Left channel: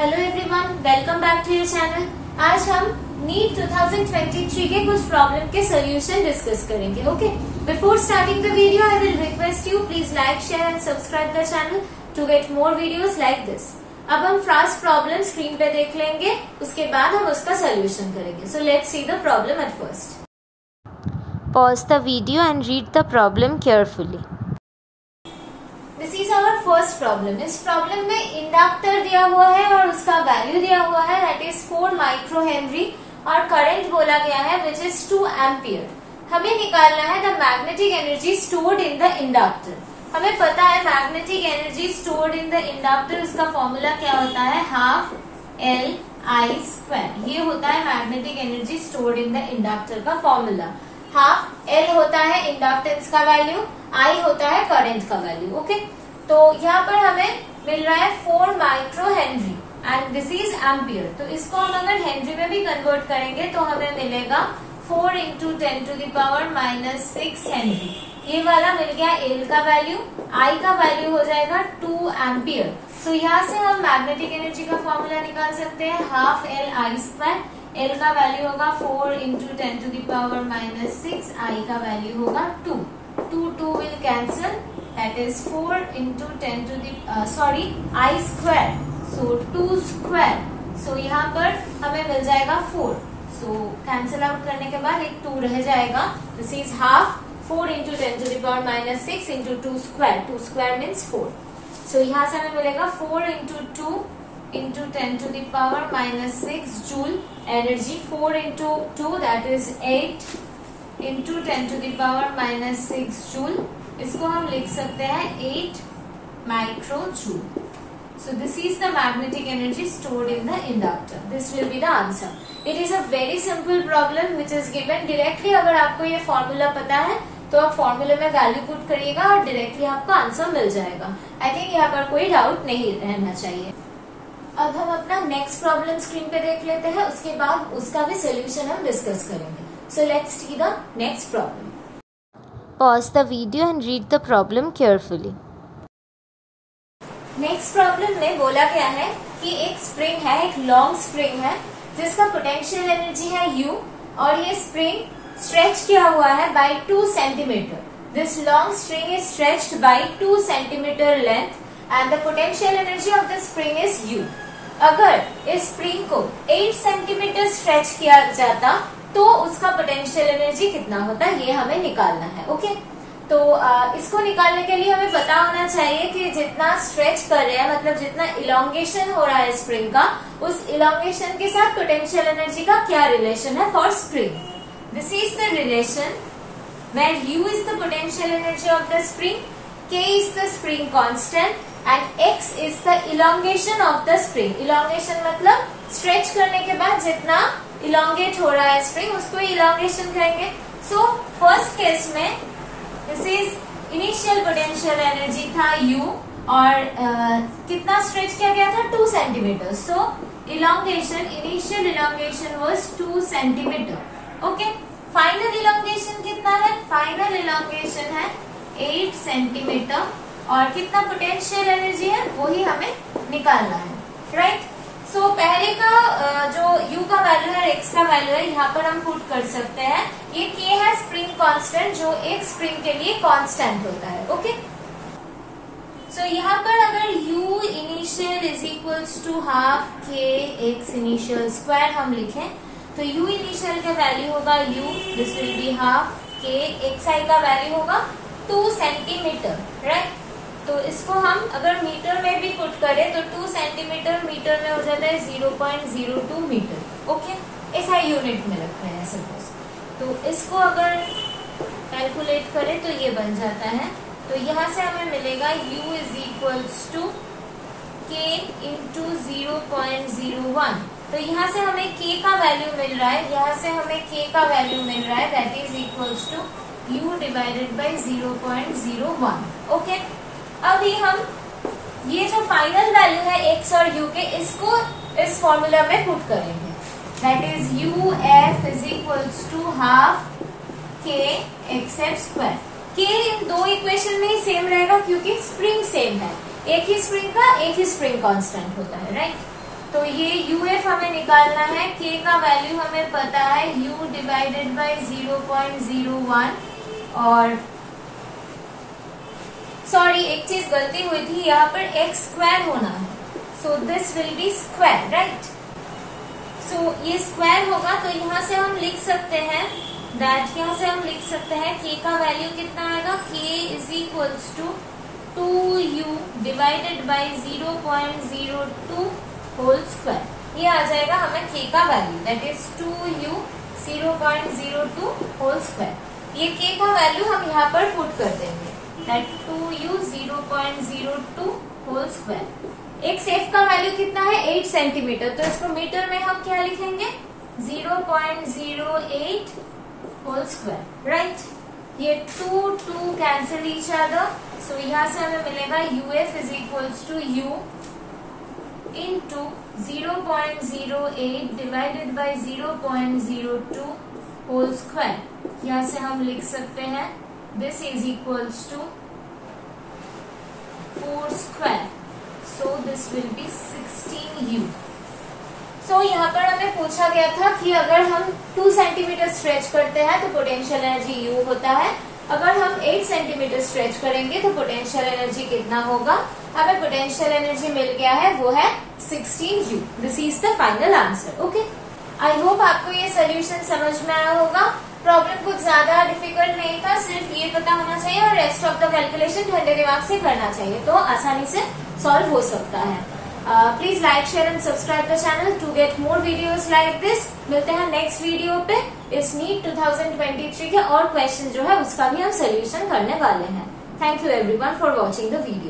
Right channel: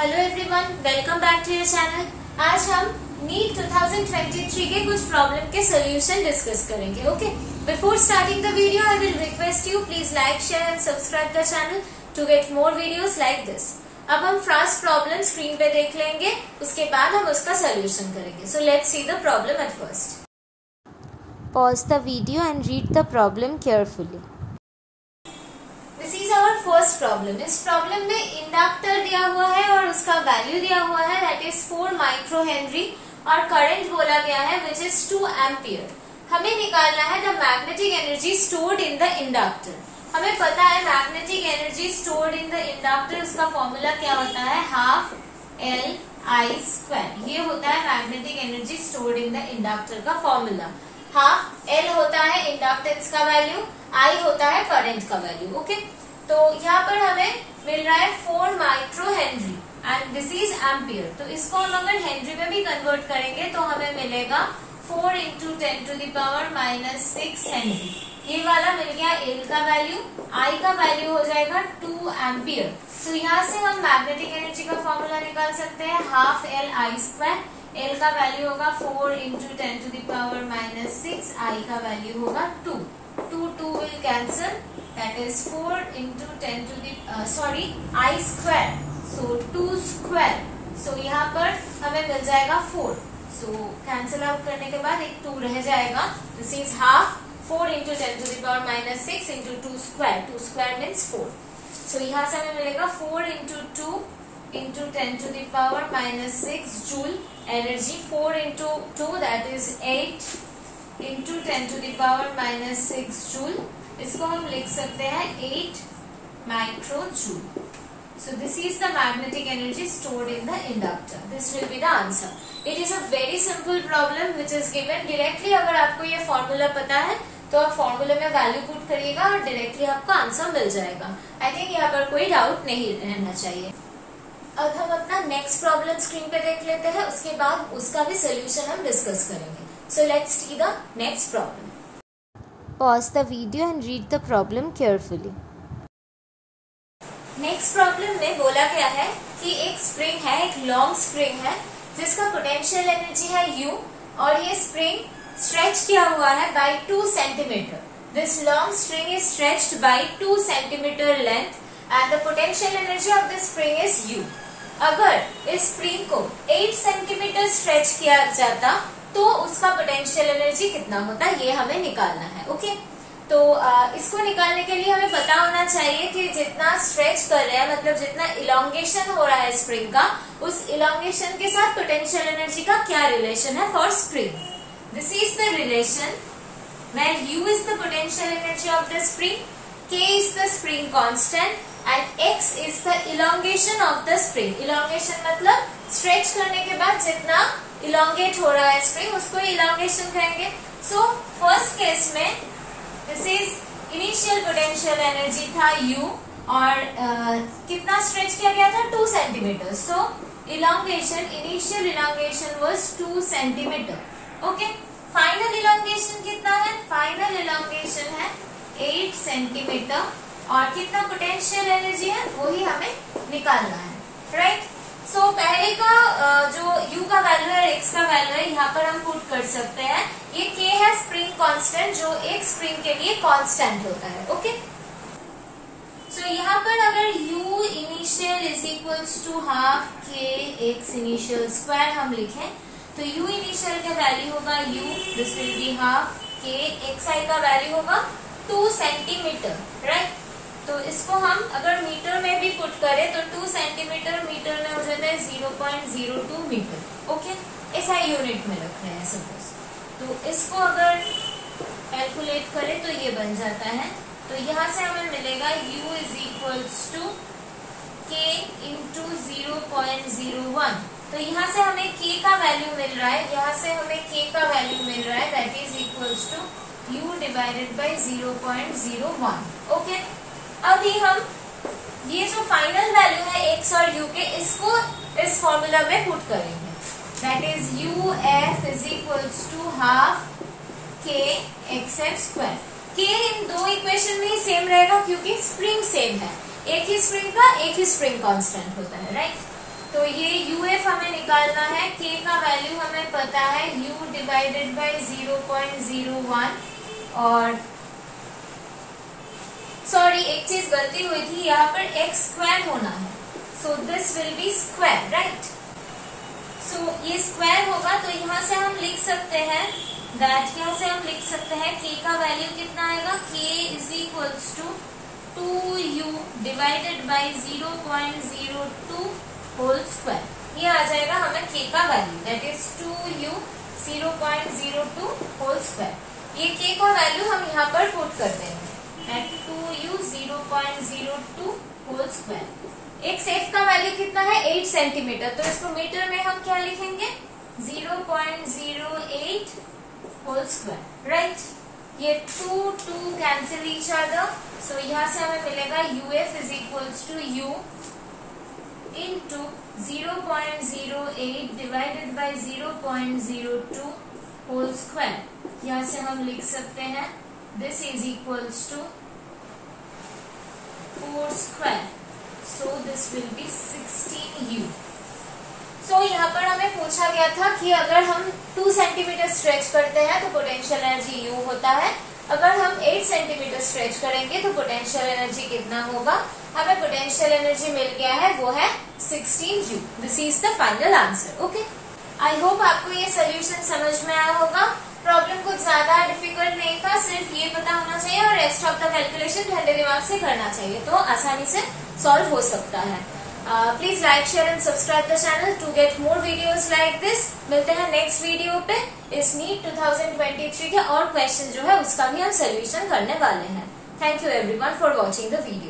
Hello everyone, welcome back to your channel. आज हम NEET 2023 के कुछ प्रॉब्लम के सोल्यूशन डिस्कस करेंगे। Okay, before starting the video I will request you please like, share and subscribe the channel to get more videos like this. अब हम first problem screen पे देख लेंगे, उसके बाद हम उसका सोल्यूशन करेंगे। So let's see the problem at first. Pause the video and read the problem carefully. This is our first problem. इस प्रॉब्लम में इंडक्टर दिया हुआ है और उसका वैल्यू दिया हुआ है, दैट इज 4 माइक्रो हेनरी, और करंट बोला गया है विच इज 2 एम्पियर। हमें निकालना है the magnetic energy stored in the inductor. हमें पता है magnetic energy stored in the inductor, उसका फॉर्मूला क्या होता है, हाफ एल आई स्क्वायर। ये होता है magnetic energy stored in the inductor का फॉर्मूला। हाफ एल होता है इंडक्टेंस का वैल्यू, आई होता है करंट का वैल्यू। ओके, तो यहाँ पर हमें मिल रहा है 4 micro Henry and this is ampere. तो इसको हम अगर हेनरी में भी कन्वर्ट करेंगे तो हमें मिलेगा 4 into 10 to the power -6 henry. ये वाला मिल गया एल का वैल्यू, आई का वैल्यू हो जाएगा 2 एम्पियर। तो यहाँ से हम मैग्नेटिक एनर्जी का फॉर्मूला निकाल सकते हैं, half L I square. L का वैल्यू होगा 4 into 10 to the power -6, I का वैल्यू होगा 2 will cancel, that is 4 into 10 to the I square, so 2 square. So यहाँ पर हमें मिल जाएगा 4। सो कैंसिल आउट करने के बाद एक 2 रह जाएगा। This is half 4 into 10 to the power -6 into 2 square. 2 square means 4। So यहाँ से हमें मिलेगा 4 into 2 into 10 to the power -6 joule energy। 4 into 2 that is 8 into 10 to the power -6 joule। इसको हम लिख सकते हैं 8 micro joule. So this is the magnetic energy stored in the inductor. This will be the answer. It is a very simple problem which is given directly। अगर आपको ये formula पता है तो आप फॉर्मूले में वैल्यू पुट करिएगा और डायरेक्टली आपको आंसर मिल जाएगा। आई थिंक यहाँ पर कोई डाउट नहीं रहना चाहिए। अब हम अपना नेक्स्ट प्रॉब्लम स्क्रीन पे देख लेते हैं, उसके बाद उसका भी सोल्यूशन हम डिस्कस करेंगे। So let's see the next problem. Pause the video and read the problem carefully. Next problem में बोला गया है कि एक स्प्रिंग है, एक लॉन्ग स्प्रिंग है जिसका पोटेंशियल एनर्जी है U, और ये स्प्रिंग स्ट्रेच किया हुआ है by 2 centimetre. This long spring is stretched by 2 centimetre length and the potential energy of the spring is U। अगर इस स्प्रिंग को 8 सेंटीमीटर स्ट्रेच किया जाता तो उसका पोटेंशियल एनर्जी कितना होता, ये हमें निकालना है। ओके, तो इसको निकालने के लिए हमें पता होना चाहिए कि जितना स्ट्रेच कर रहे हैं, मतलब जितना इलोंगेशन हो रहा है स्प्रिंग का, उस इलोंगेशन के साथ पोटेंशियल एनर्जी का क्या रिलेशन है for spring. This is the relation where U is the potential energy of the spring, K is the spring constant and X is the elongation of the spring। elongation मतलब stretch करने के बाद जितना elongate हो रहा है spring, उसको elongation कहेंगे। सो फर्स्ट केस में this is initial potential energy था U, और कितना स्ट्रेच किया गया था, 2 centimetre. So elongation, initial elongation was 2 centimetre. Okay, final elongation कितना है, फाइनल elongation है 8 सेंटीमीटर, और कितना पोटेंशियल एनर्जी है वही हमें निकालना है, राइट। सो पहले का जो U का वैल्यू है, X का वैल्यू है, यहाँ पर हम पुट कर सकते हैं। ये K है स्प्रिंग कांस्टेंट, जो एक स्प्रिंग के लिए कांस्टेंट होता है। ओके, सो यहाँ पर अगर U initial is equals to half K X initial square हम लिखें तो U इनिशियल का वैल्यू होगा U, this will be half K, XI का वैल्यू होगा 2 सेंटीमीटर, राइट। तो इसको हम अगर मीटर में भी पुट करें तो 2 सेंटीमीटर मीटर में हो जाता है 0.02 मीटर। ओके, ऐसा यूनिट में रख रहे हैं सपोज। तो इसको अगर कैलकुलेट करें तो ये बन जाता है। तो यहाँ से हमें मिलेगा U is equals to K into 0.01। तो यहाँ से हमें K का वैल्यू मिल रहा है, यहाँ से हमें K का वैल्यू मिल रहा है, that is equals to U divided by 0.01। Okay, अभी हम ये जो फाइनल वैल्यू है X और U के, इसको इस फॉर्मूला में पुट करेंगे, that is UF is equals to half K XF square. K इन दो इक्वेशन में ही सेम रहेगा क्योंकि स्प्रिंग सेम है, एक ही स्प्रिंग का एक ही स्प्रिंग कांस्टेंट होता है, राइट। तो ये यूएफ हमें निकालना है, के का वैल्यू हमें पता है u डिवाइडेड बाई 0.01 और सॉरी एक चीज गलती हुई थी, यहाँ पर x स्क्वायर होना है, so this will be square, right. So ये स्क्वायर होगा तो यहाँ से हम लिख सकते हैं दैट, यहाँ से हम लिख सकते हैं k का वैल्यू कितना आएगा, k is equals to 2u divided by 0.02 whole square. ये आ जाएगा हमें k का value, that is 2u 0.02 whole square. ये k का वैल्यू हम यहाँ पर पुट कर देंगे, दैट 2u 0.02 होल स्क्वायर। एक सेफ का वैल्यू कितना है 8 सेंटीमीटर, तो इसको मीटर में हम क्या लिखेंगे 0.08 होल स्क्वायर, राइट। ये 2 कैंसिल ईच अदर, सो यहाँ से हमें मिलेगा uf is equals to u into 0.08 divided by 0.02 whole square. यहाँ से हम लिख सकते हैं this is equals to 4 square, so this will be 16u। So यहाँ पर हमें पूछा गया था कि अगर हम 2 सेंटीमीटर स्ट्रेच करते हैं तो पोटेंशियल एनर्जी u होता है, अगर हम 8 सेंटीमीटर स्ट्रेच करेंगे तो पोटेंशियल एनर्जी कितना होगा। हमें पोटेंशियल एनर्जी मिल गया है, वो है 16u। This is the final answer. Okay, I hope आपको ये सोल्यूशन समझ में आया होगा। प्रॉब्लम कुछ ज्यादा डिफिकल्ट नहीं था, सिर्फ ये पता होना चाहिए और रेस्ट ऑफ द कैलकुलेशन ठंडे दिमाग से करना चाहिए, तो आसानी से सॉल्व हो सकता है। Please like share and subscribe the channel to get more videos like this. मिलते हैं नेक्स्ट वीडियो पे। इस नीट 2023 के और क्वेश्चन जो है उसका भी हम सोल्यूशन करने वाले हैं। Thank you everyone for watching the video.